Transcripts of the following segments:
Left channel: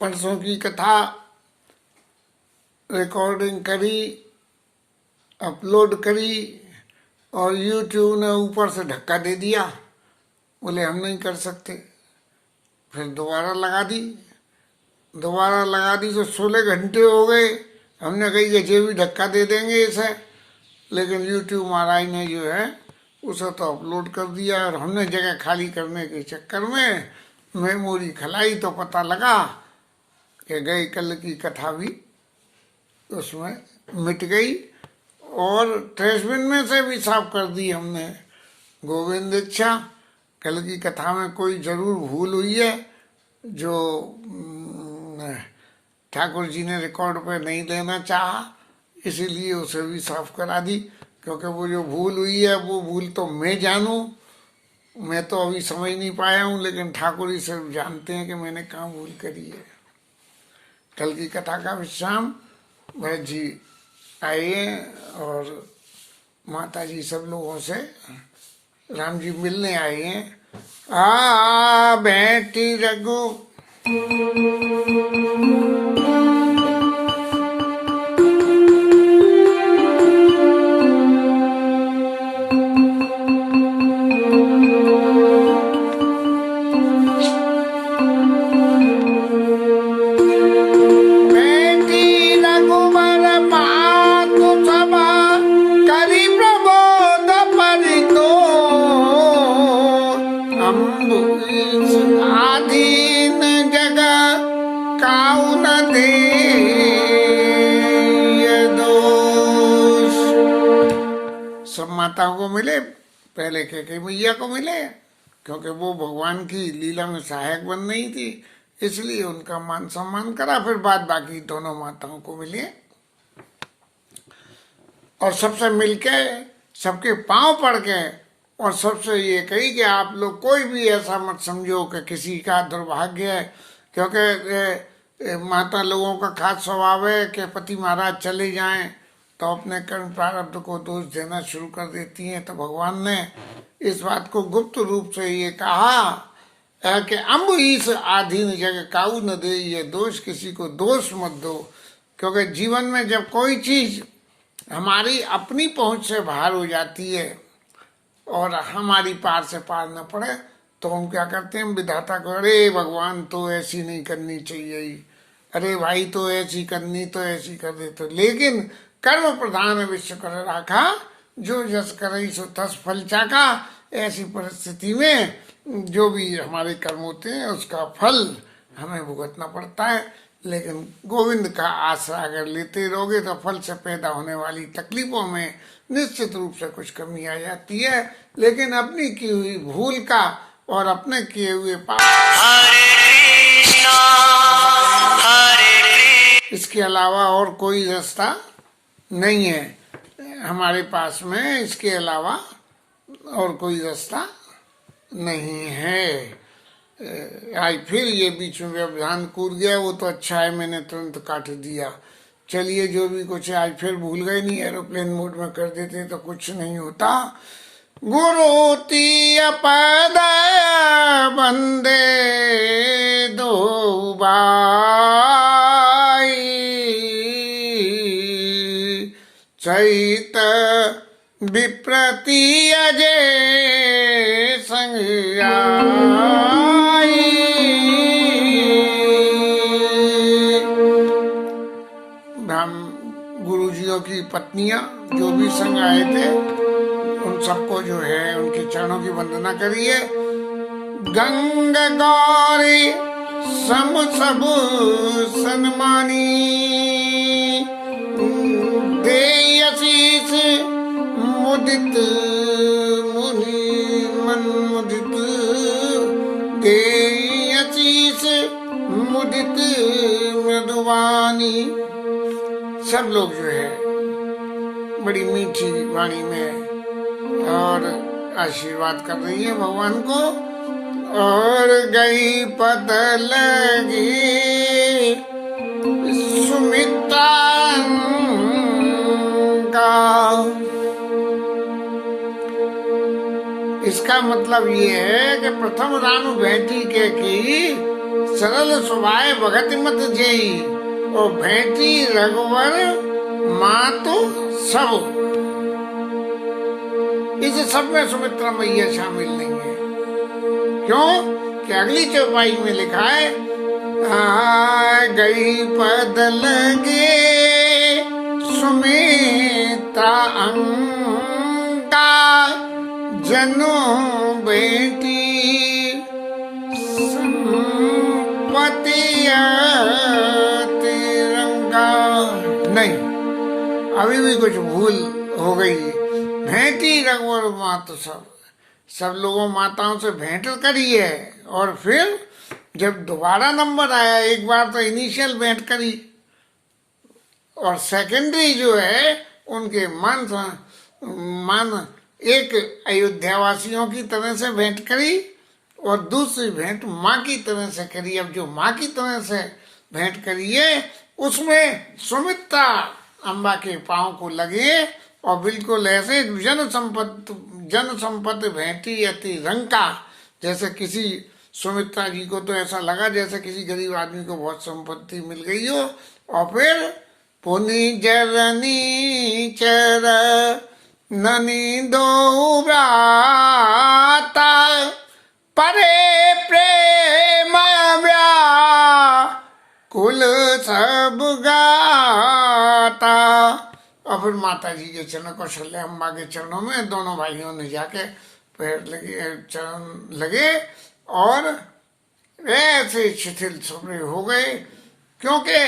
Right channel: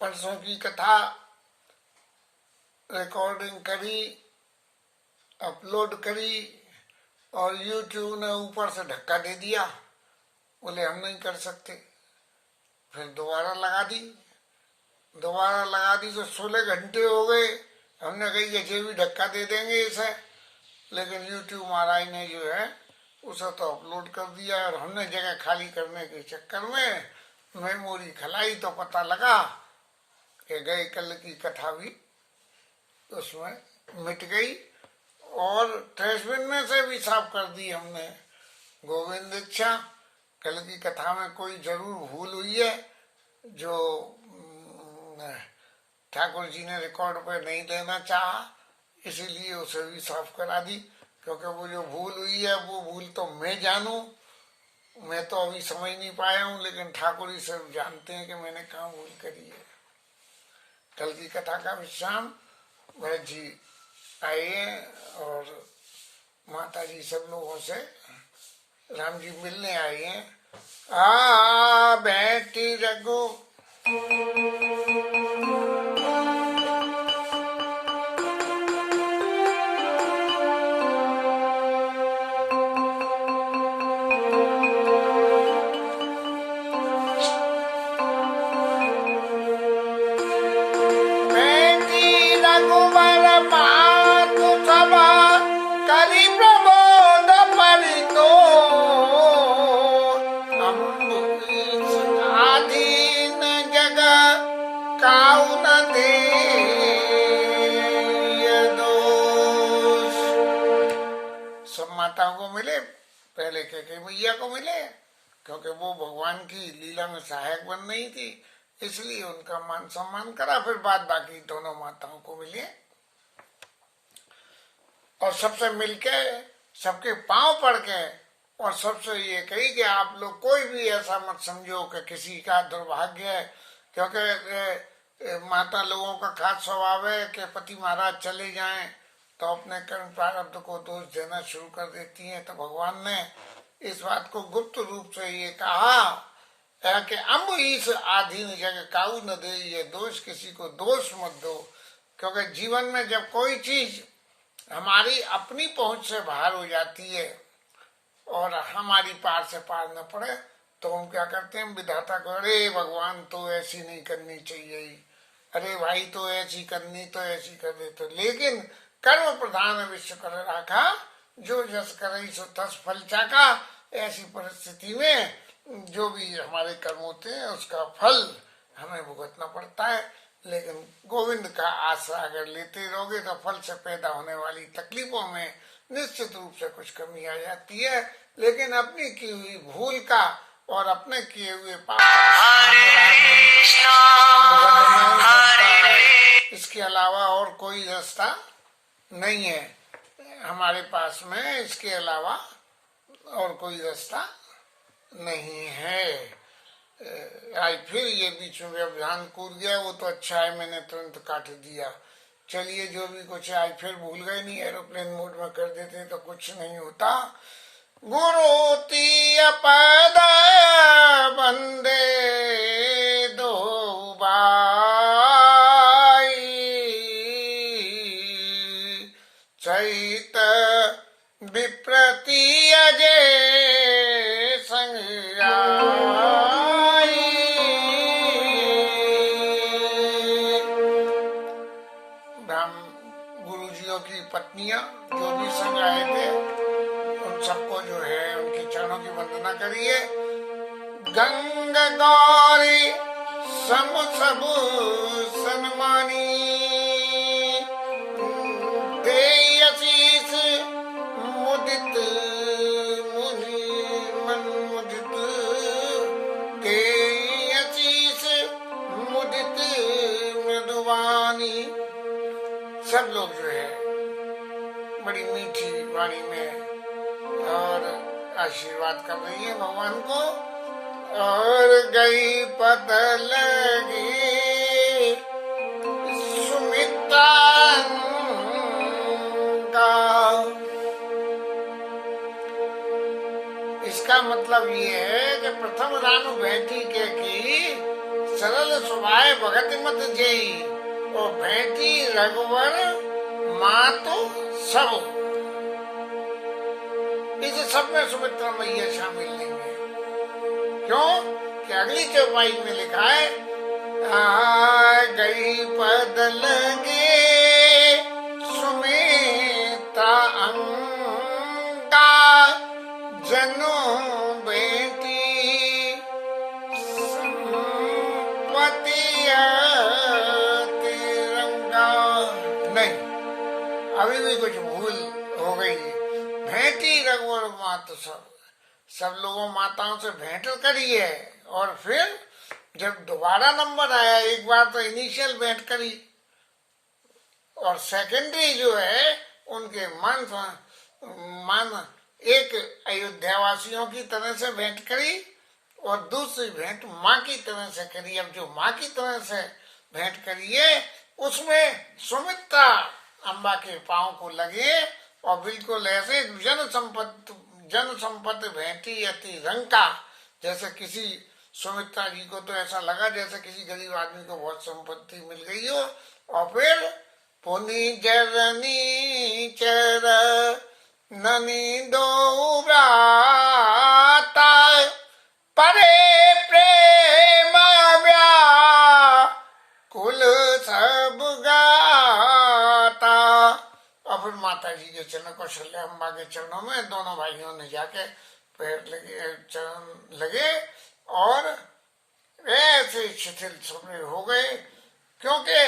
परसों की कथा रिकॉर्डिंग करी, अपलोड करी और YouTube ने ऊपर से धक्का दे दिया, बोले हम नहीं कर सकते। फिर दोबारा लगा दी तो 16 घंटे हो गए। हमने कही ये भी धक्का दे देंगे इसे, लेकिन YouTube महाराज ने जो है उसे तो अपलोड कर दिया। और हमने जगह खाली करने के चक्कर में मेमोरी खलाई तो पता लगा कि गई कल की कथा भी उसमें मिट गई और ट्रेसबिन में से भी साफ कर दी हमने। गोविंद इच्छा, कल की कथा में कोई जरूर भूल हुई है जो ठाकुर जी ने रिकॉर्ड पे नहीं देना चाहा, इसीलिए उसे भी साफ करा दी। क्योंकि वो जो भूल हुई है वो भूल तो मैं जानूं, मैं तो अभी समझ नहीं पाया हूँ, लेकिन ठाकुर ही सिर्फ जानते हैं कि मैंने कहाँ भूल करी है। कल की कथा का विश्राम भरत जी आए और माता जी सब लोगों से राम जी मिलने आए हैं। आ बेटी रघु आधीन जगह काऊ न दे दोष। सब माताओं को मिले, पहले के मैया को मिले, क्योंकि वो भगवान की लीला में सहायक बन रही थी, इसलिए उनका मान सम्मान करा। फिर बाद बाकी दोनों माताओं को मिले और सबसे मिलके सबके पांव पड़ के और सबसे ये कही कि आप लोग कोई भी ऐसा मत समझो कि किसी का दुर्भाग्य है, क्योंकि माता लोगों का खास स्वभाव है कि पति महाराज चले जाएं तो अपने कर्म प्रारब्ध को दोष देना शुरू कर देती हैं। तो भगवान ने इस बात को गुप्त रूप से ये कहा कि अम्ब ईस आधीन जगह काऊ न दे ये दोष, किसी को दोष मत दो। क्योंकि जीवन में जब कोई चीज हमारी अपनी पहुंच से बाहर हो जाती है और हमारी पार से पार न पड़े तो हम क्या करते हैं, विधाता को अरे भगवान तो ऐसी नहीं करनी चाहिए, अरे भाई तो ऐसी करनी तो ऐसी कर दे। तो लेकिन कर्म प्रधान विश्व कर राखा, जो जस करई सो तस फल चाका। ऐसी परिस्थिति में जो भी हमारे कर्म होते हैं उसका फल हमें भुगतना पड़ता है। लेकिन गोविंद का आसरा अगर लेते रहोगे तो फल से पैदा होने वाली तकलीफों में निश्चित रूप से कुछ कमी आ जाती है। लेकिन अपनी की हुई भूल का और अपने किए हुए पाप, इसके अलावा और कोई रास्ता नहीं है हमारे पास में, इसके अलावा और कोई रास्ता नहीं है। आज फिर ये बीच में व्यवधान कूद गया, वो तो अच्छा है मैंने तुरंत काट दिया। चलिए जो भी कुछ है, आज फिर भूल गए, नहीं एरोप्लेन मोड में कर देते तो कुछ नहीं होता। गुरु तीय पद बंदे दो बाई, चैत विप्रति अजय संग आई। गुरुजियों की पत्नियां जो भी संग आए थे उन सबको जो है उनके चरणों की वंदना करिए। गंग गौरी सम सब सन्मानी, दे आशीष बड़ी मीठी वाणी में और आशीर्वाद कर रही है भगवान को। और गई पद लगी सुमित्रा का। इसका मतलब ये है कि प्रथम रानु भेंटी के की सरल स्वभाव भगत मत जेई और भेंटी रघुवर माँ तो सब। इस सब में सुमित्रा मैया शामिल नहीं है। क्यों कि अगली चौपाई में लिखा है गई पद लगे सुमित्रा अंका जनो बेटी संपत्ति तिरंगा। नहीं, अभी भी कुछ भूल हो गई। भेंटी रघुवर माँ तो सब लोगों माताओं से भेंट करी है और फिर जब दोबारा नंबर आया, एक बार तो इनिशियल भेंट करी और सेकेंडरी जो है उनके मन एक अयोध्या वासियों की तरह से भेंट करी और दूसरी भेंट माँ की तरह से करी। अब जो माँ की तरह से भेंट करी है उसमें सुमित्रा अम्बा के पांव को लगे और बिल्कुल ऐसे जन संपत्ति भेंटी अति रंका। जैसे किसी सुमित्रा जी को तो ऐसा लगा जैसे किसी गरीब आदमी को बहुत संपत्ति मिल गई हो। और फिर पुनि जरनी चर ननी दो ब्राता परे प्रेम कुल सब गाता। और फिर माता जी के चरणों कौशल्या अम्बा के चरणों में दोनों भाइयों ने जाके पैर लगे, चरण लगे और ऐसे शिथिल सुबह हो गए। क्योंकि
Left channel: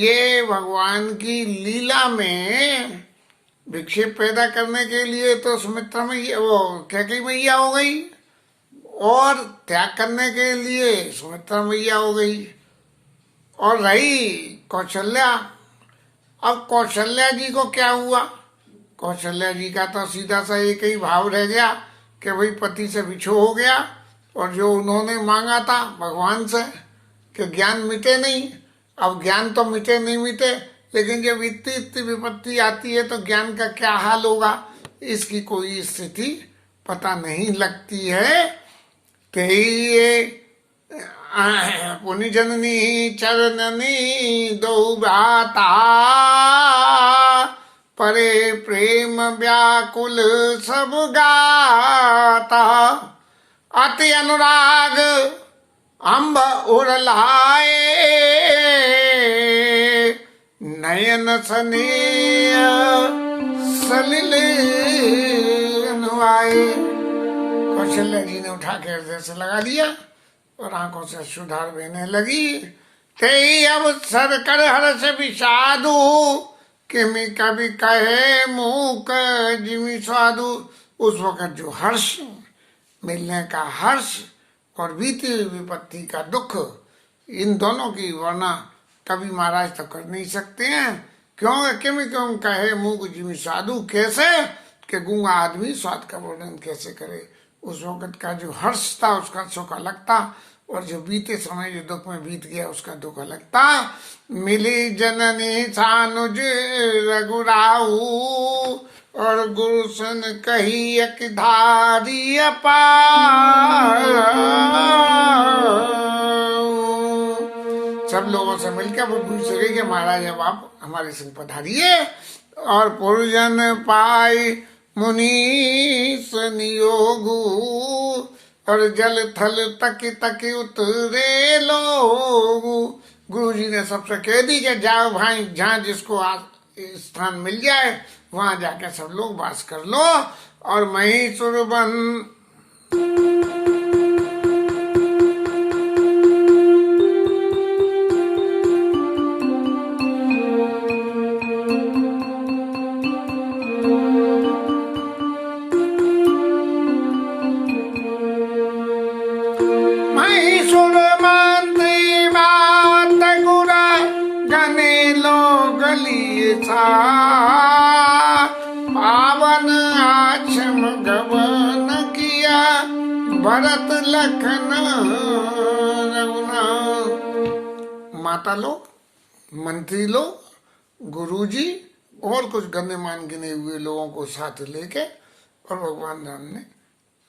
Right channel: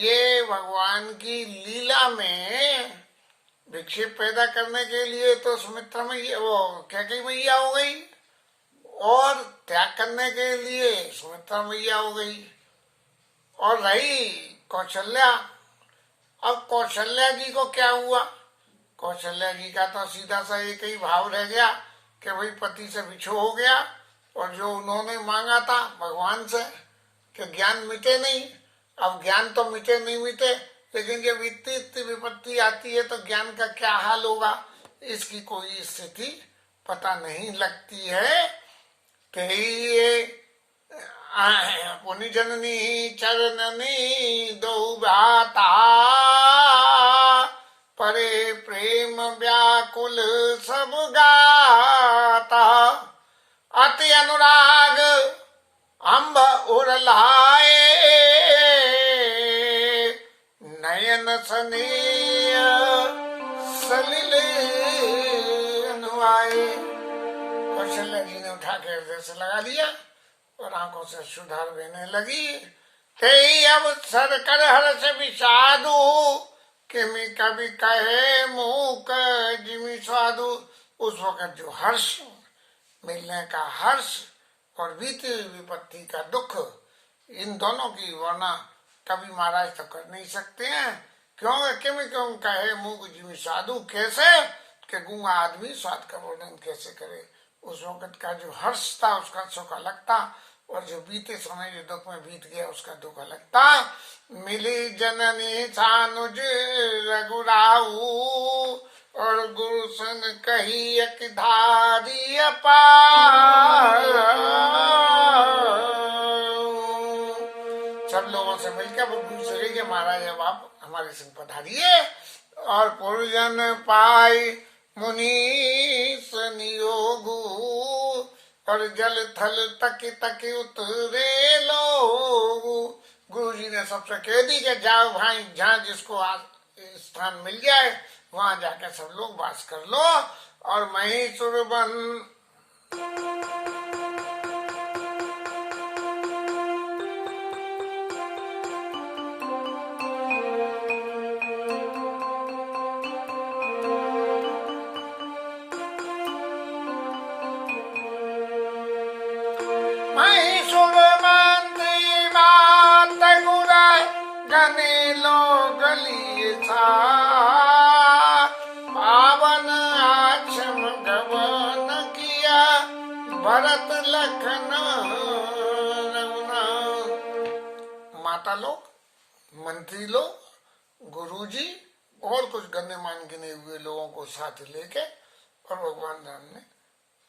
ये भगवान की लीला में विक्षेप पैदा करने के लिए तो सुमित्रा मैया वो कैकेयी मैया हो गई और त्याग करने के लिए सुमित्रा मैया हो गई और रही कौशल्या। अब कौशल्या जी को क्या हुआ? कौशल्या जी का तो सीधा सा एक ही भाव रह गया कि भाई पति से बिछो हो गया और जो उन्होंने मांगा था भगवान से कि ज्ञान मिटे नहीं। अब ज्ञान तो मिटे नहीं मिटे, लेकिन जब इतनी विपत्ति आती है तो ज्ञान का क्या हाल होगा इसकी कोई स्थिति पता नहीं लगती है। कि पुनि जननी चरणनी दो भ्राता परे प्रेम व्याकुल सब गाता। अति अनुराग अम्ब उड़लाए नयन स्नेह सलिल अनुआए। कौशल्या जी ने उठा के हृदय से लगा दिया और आंखों से सुधार बहने लगी। ते अवसर कर हर्ष विषादु किमि कभी कहे मूक जिमि स्वादु। उस वक्त जो हर्ष मिलने का हर्ष और बीती हुई विपत्ति का दुख, इन दोनों की वर्णना कभी महाराज तो कर नहीं सकते हैं। क्यों किमि क्यों कहे मूक जिमि साधु, कैसे कि गूंगा आदमी स्वाद का वर्णन कैसे करे। उस वक्त का जो हर्ष था उसका सुख अलग था और जो बीते समय जो दुख में बीत गया उसका दुख अलग था। मिली जननी सानुज रघुराऊ और गुरु सन कही एक धारी अपार। सब लोगों से मिलकर वो पूछ रही कि महाराज अब आप हमारे संग पधारिए। और पुरजन पाई मुनीस नियोगु और जल थल तक तक उतरे लोगु। गुरु जी ने सबसे कह दी कि जाओ भाई, जहाँ जिसको स्थान मिल जाए वहां जाके सब लोग वास कर लो। और महिषुर बन गने लो गली सा वन आश्रम गवन किया, भरत लखन रघुना। माता लोग, मंत्री लोग, गुरुजी और कुछ गण्यमान गिने हुए लोगों को साथ लेके और भगवान राम ने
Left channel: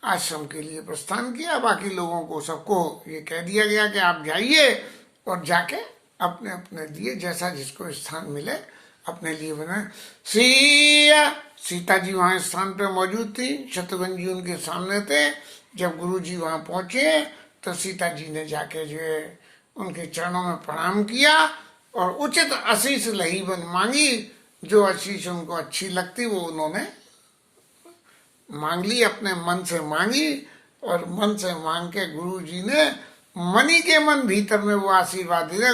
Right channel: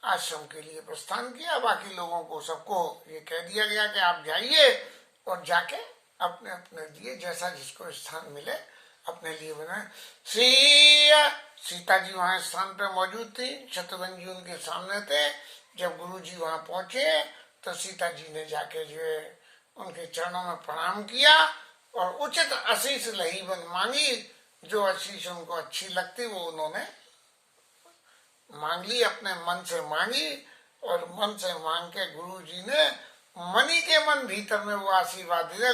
आश्रम के लिए प्रस्थान किया। बाकी लोगों को सबको ये कह दिया गया कि आप जाइए और जाके अपने अपने लिए जैसा जिसको स्थान मिले अपने लिए बनाए। सीता जी वहां स्थान पे मौजूद थी, शत्रुघ्न जी उनके सामने थे। जब गुरु जी वहां पहुंचे तो सीता जी ने जाके जो है उनके चरणों में प्रणाम किया और उचित आशीष लहीबन मांगी। जो आशीष उनको अच्छी लगती वो उन्होंने मांग ली, अपने मन से मांगी। और मन से मांग के गुरु जी ने मनी के मन भीतर में वो आशीर्वाद दिया।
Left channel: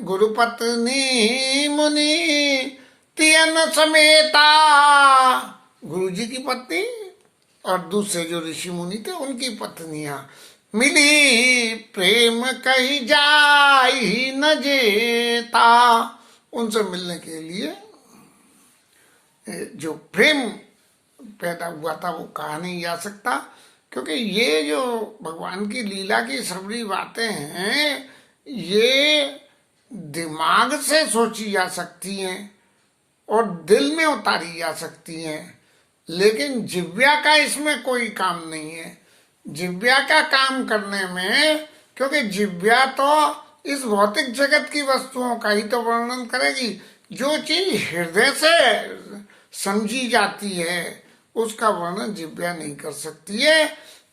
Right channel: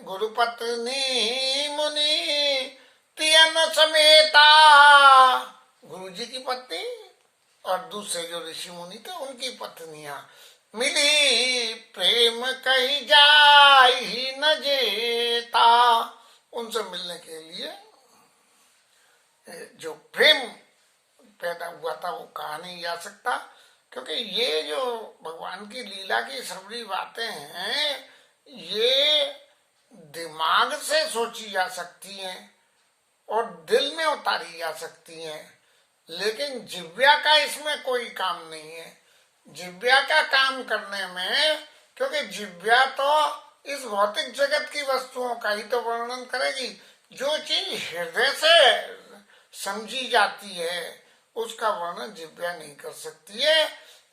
गुरुपत्नी मुनि तियन समेता, गुरु जी की पत्नी और दूसरे जो ऋषि मुनि थे उनकी पत्नियां मिली, प्रेम कही जाई न जेता। उनसे मिलने के लिए जो प्रेम पैदा हुआ था वो कहा नहीं जा सकता, क्योंकि ये जो भगवान की लीला की सबरी बातें हैं ये दिमाग से सोची जा सकती हैं और दिल में उतारी जा सकती हैं, लेकिन जिव्या का इसमें कोई काम नहीं है। जिव्या का काम करने में, क्योंकि जिव्या तो इस भौतिक जगत की वस्तुओं का ही तो वर्णन करेगी। जो चीज हृदय से समझी जाती है उसका वर्णन जिव्या नहीं कर सकती है।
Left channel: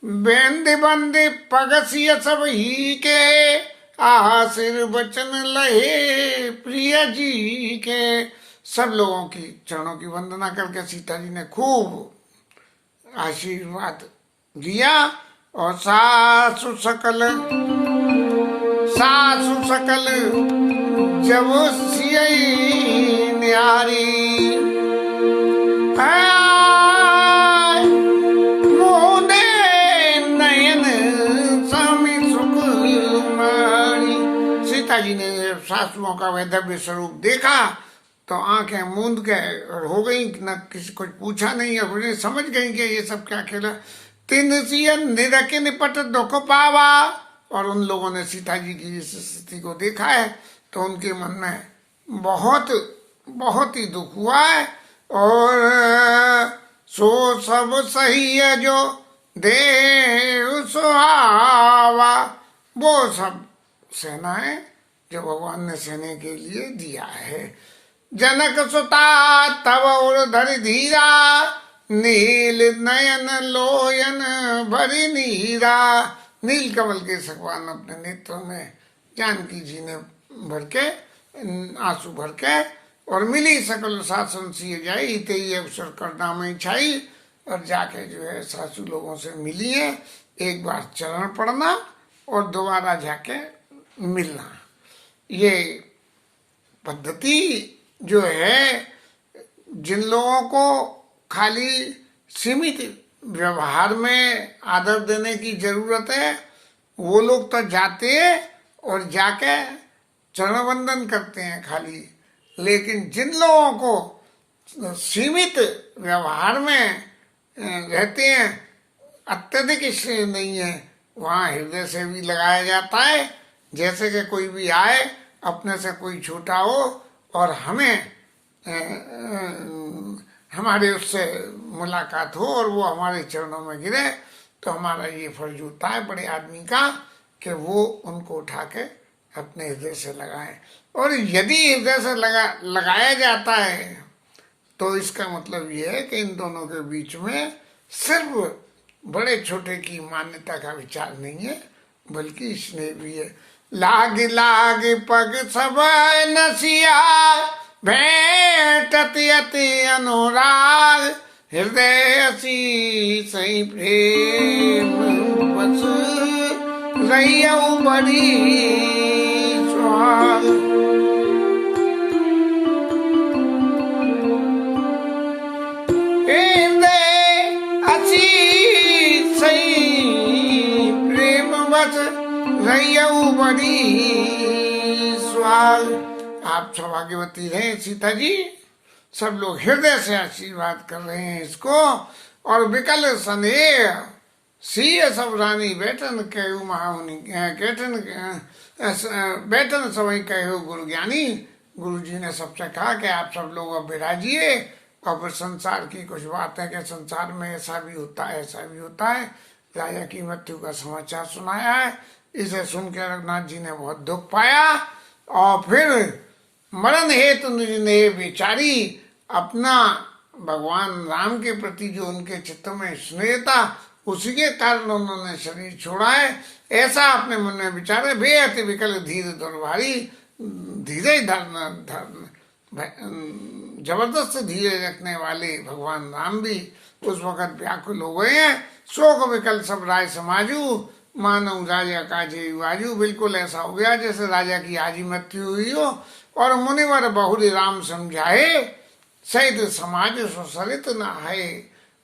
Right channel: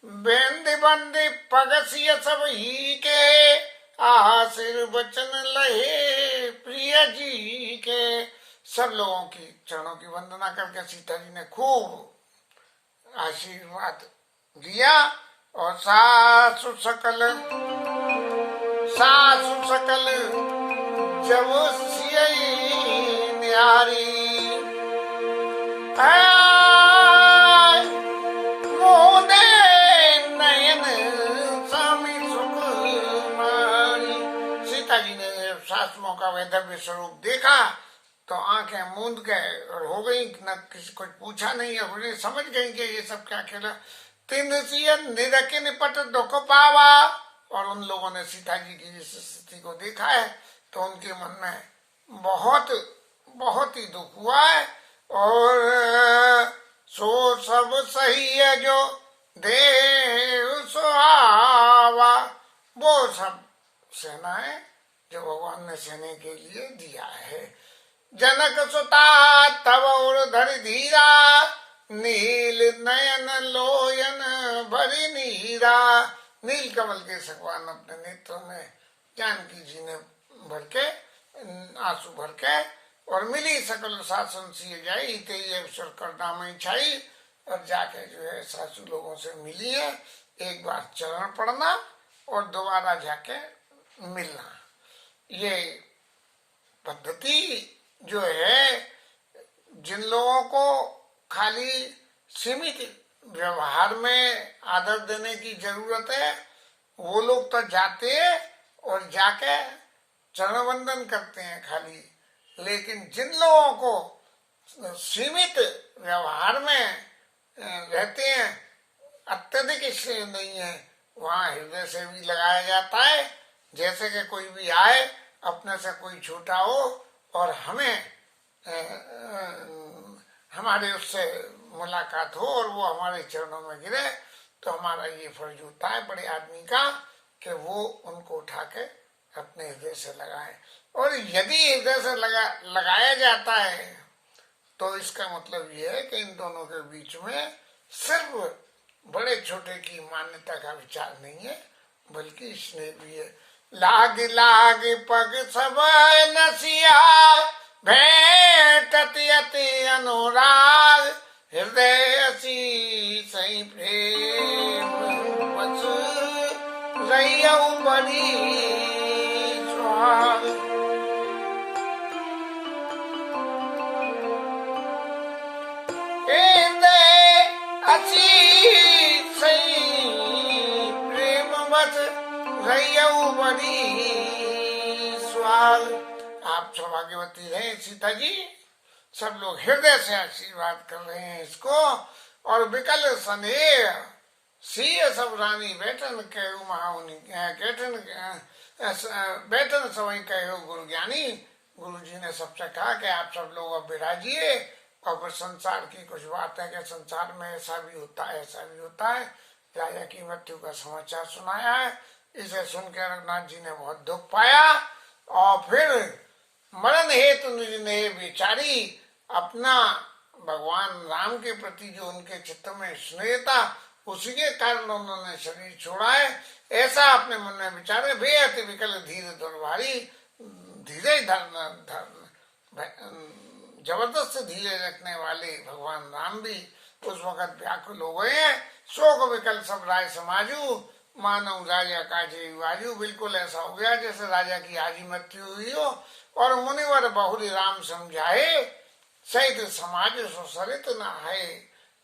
बेंद बंदे पगसिय सब ही के, आशीर वचन लहे प्रिय जी के। सब लोगों की चरणों की वंदना करके सीता जी ने खूब आशीर्वाद दिया। और सासु सकल जब सियई न्यारी, मोदे नयन स्वामी सुकुमारी। सीता जी ने सासुओं का वैधव्य स्वरूप देखा तो आंखें मूंद गए और हो गई, न किसी कुछ पूछा नहीं है, उन्हें समझ गई कि ये सब क्या खेला। तीन सियन निरके निपट दुख पावा। और उन लोगों ने सीता जी की इस स्थिति को देखा है तो उनके मन में बहुत बहुत ही दुख हुआ है। और सो सब सही है जो देव सुहावा, वो सब सेनाएं जो भगवान ने सेने के लिए दिया है। जनक सुता तब और धरि धीरा, नील नयन लोयन भरी नीरा। नील कमल के सगवान अपने नेत्रों में जानकी जी ने भर के आंसू भर के, और मिली सकल शासन सी जाई, तेई अवसर करना में छाई। और जाके जो है सासू लोगों से मिली है, एक बार चरण पड़ना और दोबारा जाके मिलना। ये पद्धति जो है, जिन लोगों को खाली सीमित व्यवहार में आदर देने की जरूरत है वो लोग तो जाते हैं और जाके चरण वंदन करते हैं खाली। लेकिन जिन लोगों को सीमित व्यवहार में रहते हैं, अत्यधिक स्नेह नहीं है, वहाँ हृदय से भी लगाया जाता है। जैसे कि कोई भी आए, अपने से कोई छोटा हो और हमें हमारे उससे मुलाकात हो और वो हमारे चरणों में गिरे, तो हमारा ये फर्ज होता है बड़े आदमी का कि वो उनको उठा के अपने हृदय से लगाए। और यदि हृदय से लगाया जाता है तो इसका मतलब ये है कि इन दोनों के बीच में सिर्फ बड़े छोटे की मान्यता का विचार नहीं है, बल्कि स्नेह भी है। लाग लाग पग सब नसिया, भेंटत अति अनुराग, हृदय सी सही प्रेम बस रहियऊ बड़ी सुहाग। हृदय असी सही प्रेम बस रहियऊ बड़ी सुहाग। आप सौभाग्यवती रहे सीता जी, सब लोग हृदय से आशीर्वाद कर रहे हैं इसको। और विकल स्नेह सीय सब रानी बैठन कहू महामुनि कैठन बैठन सवई कहू गुरु ज्ञानी। गुरु जी ने सबसे कहा कि आप सब लोग अब विराजिए। और फिर संसार की कुछ बातें कि संसार में ऐसा भी होता है, ऐसा भी होता है। राजा की मृत्यु का समाचार सुनाया है। इसे सुनकर रघुनाथ जी ने बहुत दुख पाया और फिर मरण हेतु निज ने विचारी अपना भगवान राम के प्रति जो उनके चित्त में स्नेह था उसी के कारण उन्होंने शरीर छोड़ा है। ऐसा अपने मन में विचारे। बेअति विकल धीर दुर्भारी। धीरे जबरदस्त धीरे रखने वाले भगवान राम भी उस वक्त व्याकुल हो गए हैं। शोक विकल सब राय समाजू मानव राजा काजे वाजू। बिल्कुल ऐसा हो गया जैसे राजा की आज ही मृत्यु हुई हो। और मुनिवर बहुरी राम समझाए सहित समाज सुसरित न है।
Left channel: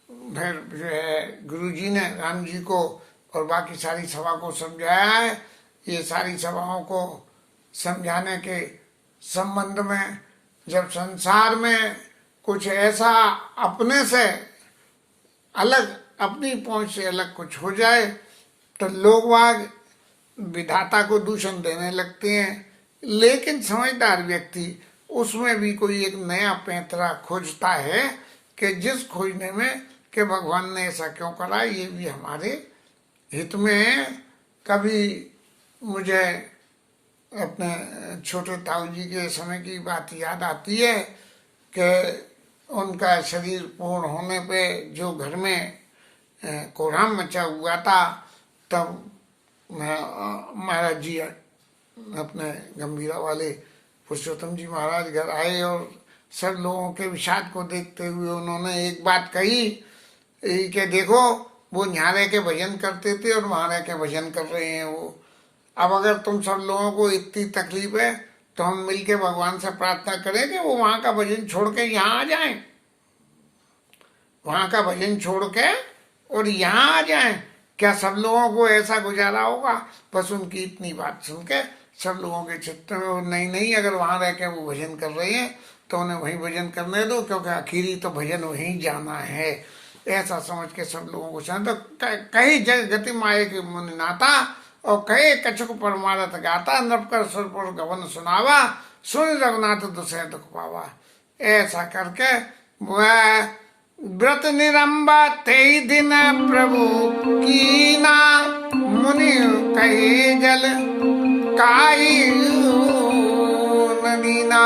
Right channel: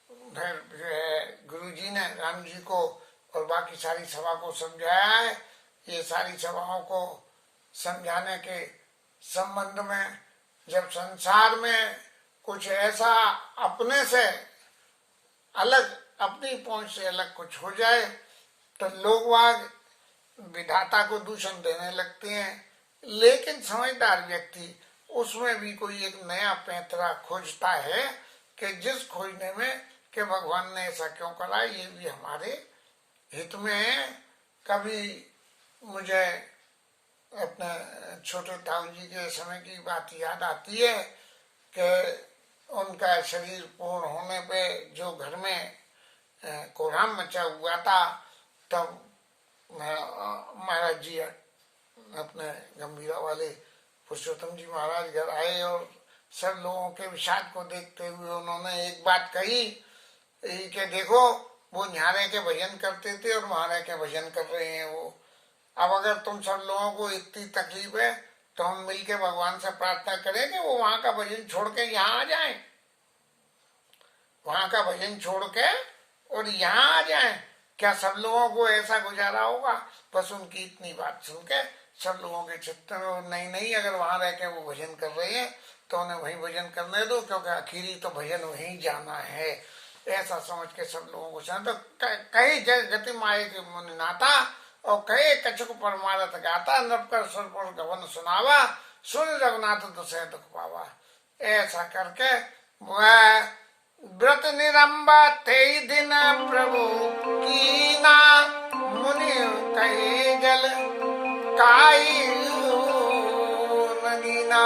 फिर जो है गुरु जी ने राम जी को और बाकी सारी सभा को समझाया है। ये सारी सभाओं को समझाने के संबंध में जब संसार में कुछ ऐसा अपने से अलग, अपनी पहुंच से अलग कुछ हो जाए तो लोग वाग विधाता को दूषण देने लगते हैं। लेकिन समझदार व्यक्ति उसमें भी कोई एक नया पैंतरा खोजता है कि जिस खोजने में कि भगवान ने ऐसा क्यों करा, ये भी हमारे हित में है। कभी मुझे अपने छोटे ताऊ जी के समय की बात याद आती है कि उनका शरीर पूर्ण होने पे जो घर में कोहराम मचा हुआ था, तब महाराज जी अपने गंभीरा वाले पुरुषोत्तम जी महाराज घर आए और सब लोगों के विषाद को देखते हुए उन्होंने एक बात कही कि देखो वो यहाँ रह के भजन करते थे और वहाँ रह के भजन कर रहे हैं वो। अब अगर तुम सब लोगों को इतनी तकलीफ है तो हम मिलके भगवान से प्रार्थना करें कि वो वहां का भजन छोड़ के यहाँ आ जाएं, वहां का भजन छोड़ के और यहाँ आ जाएं। क्या सब लोगों को ऐसा गुजारा होगा? बस उनकी इतनी बात सुन के सब लोगों के चित्त में नहीं, अगर वहां रह के वो भजन कर रहे हैं तो उन्हें वहीं भजन करने दो, क्योंकि आखिरी तो भजन वहीं जाना है। ऐसा समझ के सब लोगों को तो कही जग गति माए के मुनि नाता और कहे कछुक परमारथ गाता। नृपकर सुरपुर गवन सुनावा सुन रघुनाथ दुसह दुख पावा। ऐसा करके वह व्रत निरंबा ते दिन प्रभु कीना। मुनि कहे जल काई नगीना।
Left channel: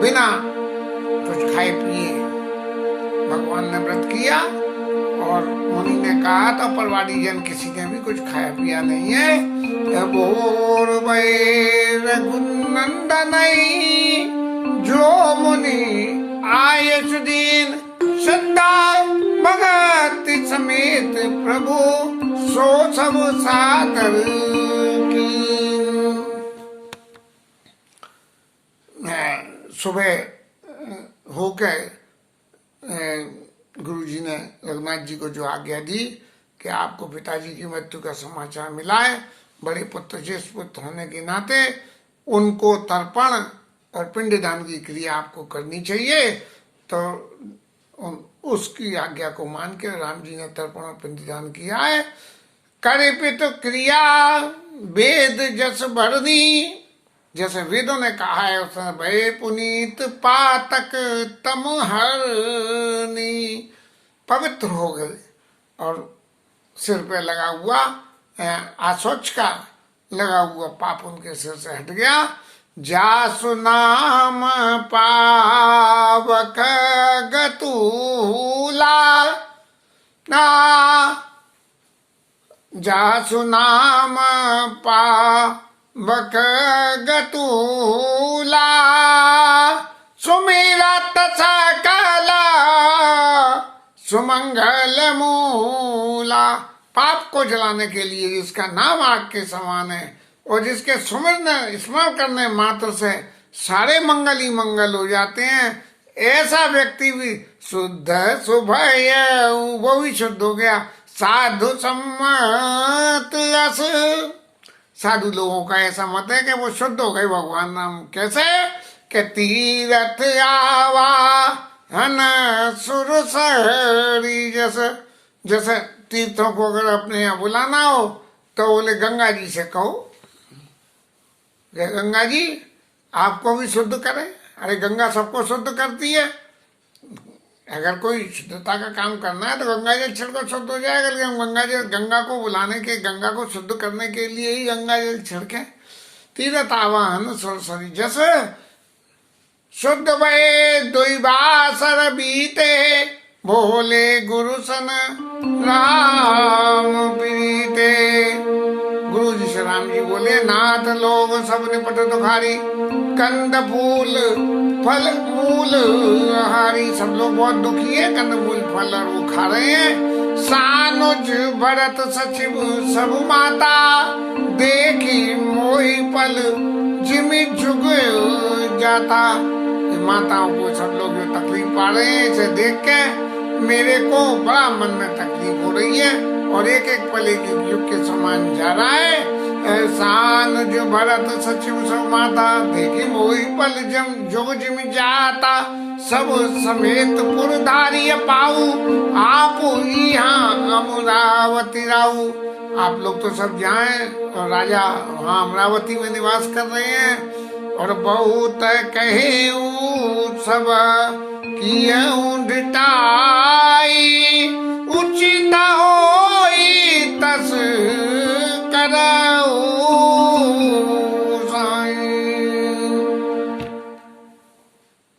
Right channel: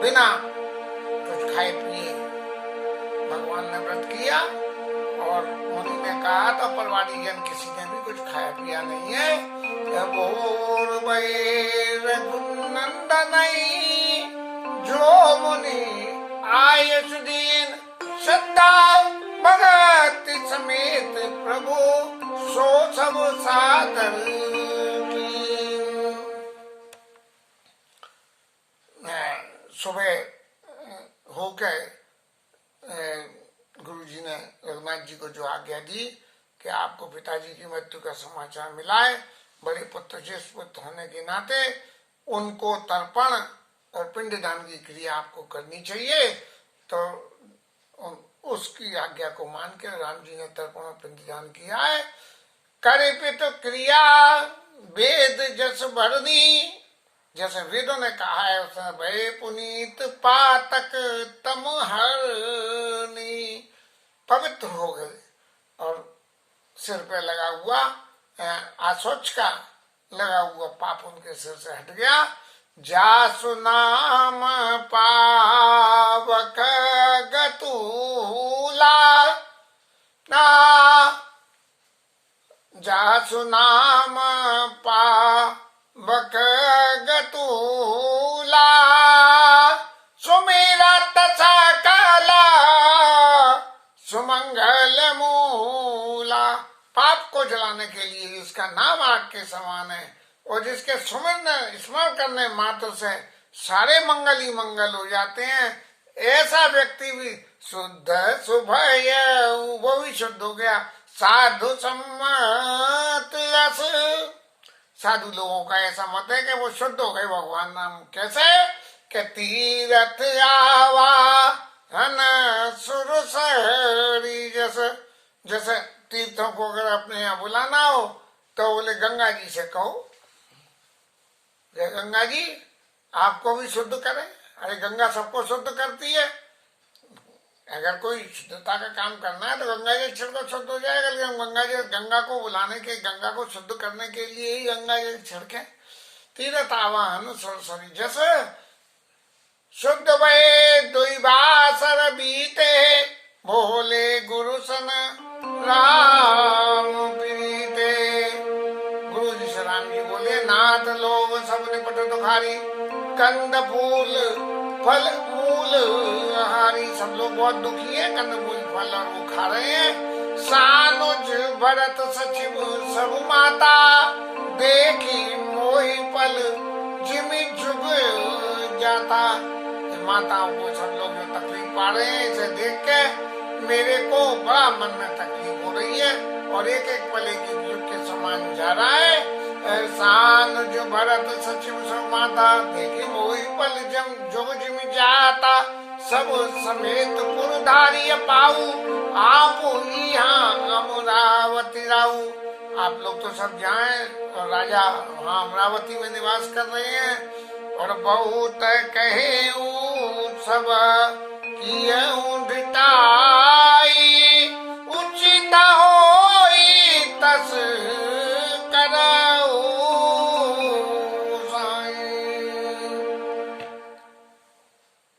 बिना कुछ खाए पिए भगवान ने व्रत किया और मुनि ने कहा तो परवाड़ी जन किसी ने भी कुछ खाया पिया नहीं है। रघुनंदन जो मुनि आये सुदीन श्रद्धा भगति समेत प्रभु सो सब सादर की। सुबह होकर गुरु जी ने रघुनाथ जी को जो आज्ञा दी कि आपको पिताजी की मृत्यु का समाचार मिला है, बड़े पुत्र ज्येष्ठ पुत्र होने के नाते उनको तर्पण और पिंडदान की क्रिया आपको करनी चाहिए। तो उसकी आज्ञा को मान के राम जी ने तर्पण और पिंडदान किया है। करिपित क्रिया वेद जस भरनी। जैसे वेदों ने कहा है उसने भय पुनीत पातक तम हरनी। पवित्र हो गए और सिर पे लगा हुआ आशोच का लगा हुआ पाप उनके सिर से हट गया। जासु नाम पावक गतूला। जासु नाम पावक गतूला। सुमेरा तथा काला सुमंगल मूला। पाप को जलाने के लिए जिसका नाम आग के समान है और जिसके स्मरण करने मात्र से सारे मंगल ही मंगल हो जाते हैं, ऐसा व्यक्ति भी शुद्ध सुभय वो भी शुद्ध हो गया। साधु सम्मत साधु लोगों का ऐसा मत है कि वो शुद्ध हो गए भगवान नाम। कैसे के तीरथ आवा हन सुरसरी। जैसे जैसे तीर्थों को अगर अपने यहाँ बुलाना हो तो बोले गंगा जी से कहो कि गंगा जी आपको भी शुद्ध करें। अरे गंगा सबको शुद्ध करती है। अगर कोई शुद्धता का काम करना है तो गंगा जल छिड़को, शुद्ध हो जाएगा। लेकिन गंगा को बुलाने के, गंगा को शुद्ध करने के लिए ही गंगा जल छिड़के। तीरथ आवाहन सरसरी जैसे शुद्ध भये दुई बासर बीते भोले गुरु सन राम प्रीते। गुरु जी से राम जी बोले नाथ लोग सब निपट दुखारी कंद फूल फल मूल हारी। सब लोग बहुत दुखी है, कंद फूल फल और वो खा रहे हैं। सानुज भरत सचिव सब माता देखी मोही पल जिमी झुक जाता। माताओं को सब लोग जो तकलीफ पा रहे हैं इसे देख के मेरे को बड़ा मन में तकलीफ हो रही है और एक एक पल एक युग के समान जा रहा है। एहसान जो भरत सचिव सब माता देखे वही पल जम जुग जिम जाता। सब समेत पुरधारी पाऊ आप यहाँ अमरावती राऊ। आप लोग तो सब जाएं और राजा वहाँ अमरावती में निवास कर रहे हैं। और बहुत कहे सब कियऊ ढिठाई उचित होई तस करऊ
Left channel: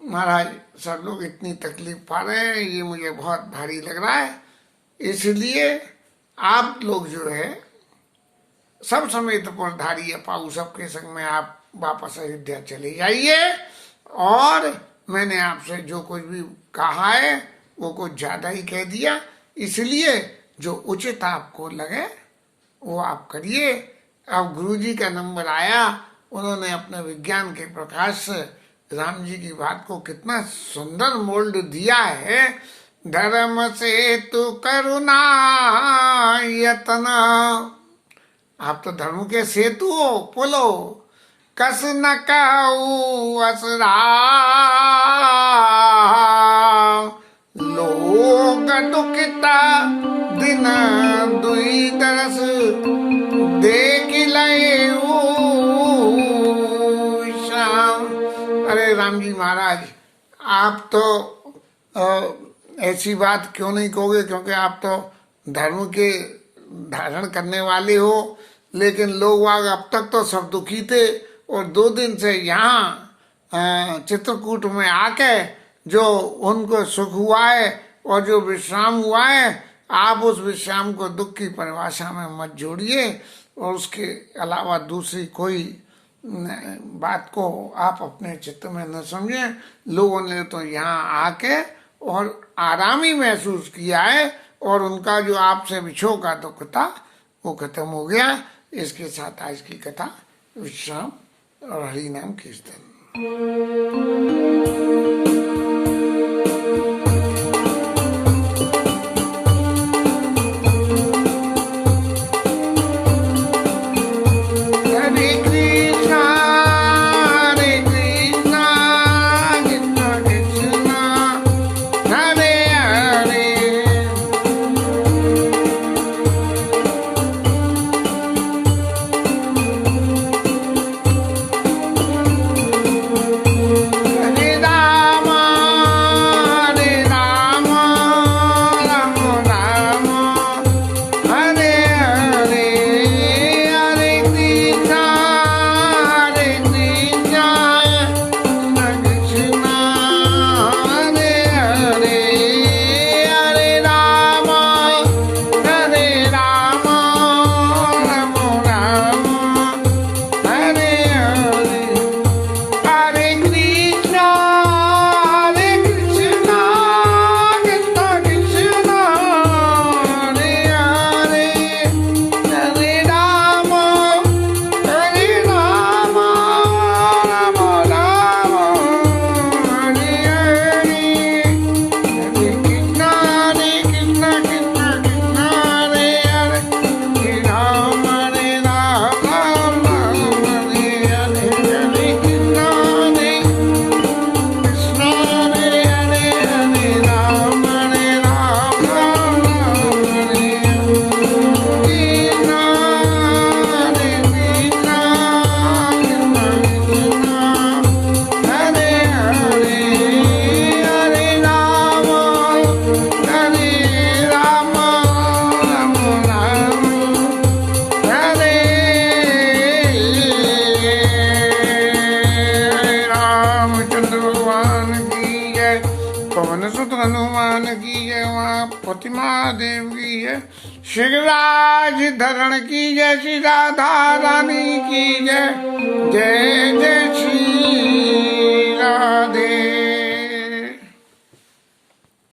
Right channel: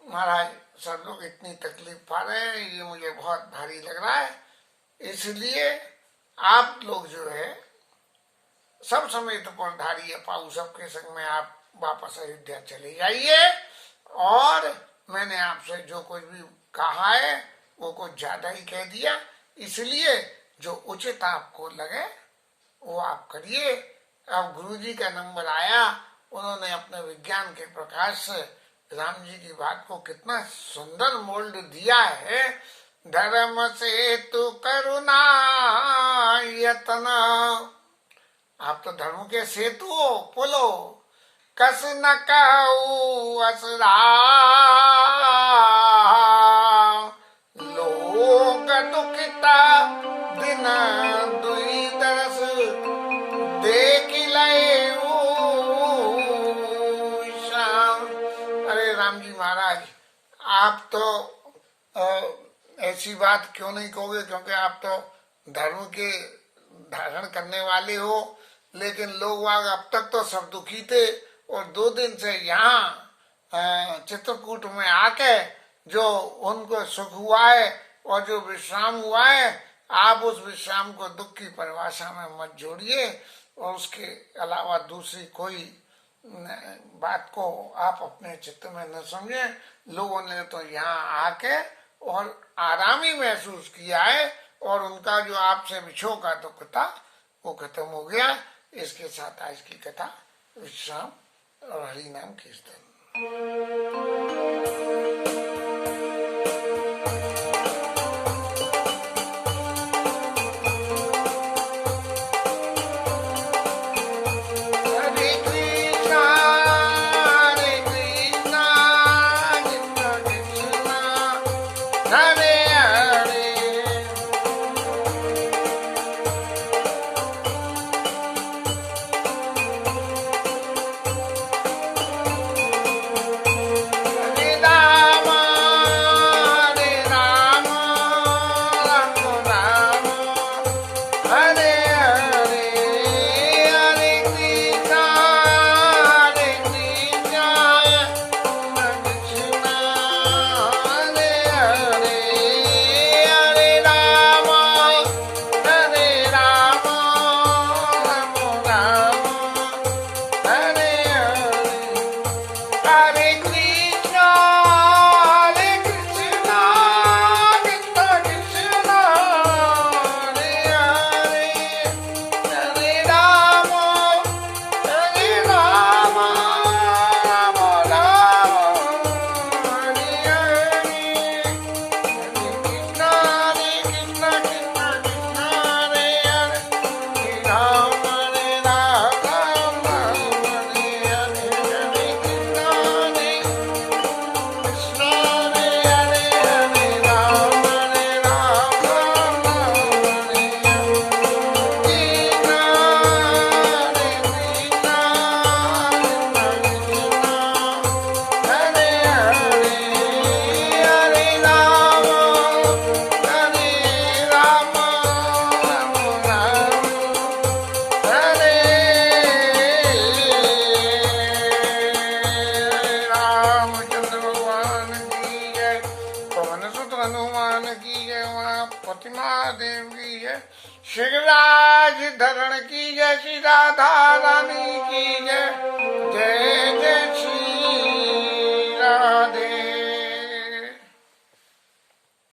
महाराज सब लोग इतनी तकलीफ पा रहे हैं, ये मुझे बहुत भारी लग रहा है। इसलिए आप लोग जो है सब समेत पुरधारी पाऊ सबके संग में आप वापस अयोध्या चले जाइए। और मैंने आपसे जो कुछ भी कहा है वो कुछ ज्यादा ही कह दिया, इसलिए जो उचित आपको लगे वो आप करिए। अब गुरुजी का नंबर आया, उन्होंने अपने विज्ञान के प्रकाश से राम जी की बात को कितना सुंदर मोल्ड दिया है। धर्म से तू करुणा यतन, आप तो धर्म के सेतु हो, पुल हो। कस न कहू असरा लोग दुखिता दिन दुई दरस देख लए शाम। अरे राम जी महाराज आप तो ऐसी बात क्यों नहीं कहोगे, क्योंकि आप तो धर्म के धारण करने वाले हो। लेकिन लोग अब तक तो सब दुखी थे और 2 दिन से यहाँ चित्रकूट में आके जो उनको सुख हुआ है और जो विश्राम हुआ है, आप उस विश्राम को दुख की परिभाषा में मत जोड़िए और उसके अलावा दूसरी कोई बात को आप अपने चित्त में न समझें। लोगों ने तो यहाँ आके और आराम ही महसूस किया है और उनका जो आपसे विछोह का दुख था वो खत्म हो गया। इसके साथ आज की कथा विश्राम और हरि नाम कीर्तन। पवन सुत हनुमान की जय, वहाँ प्रतिमा देव की जय, शिवराज धरण की जय, श्री राधा रानी की जय, जय जय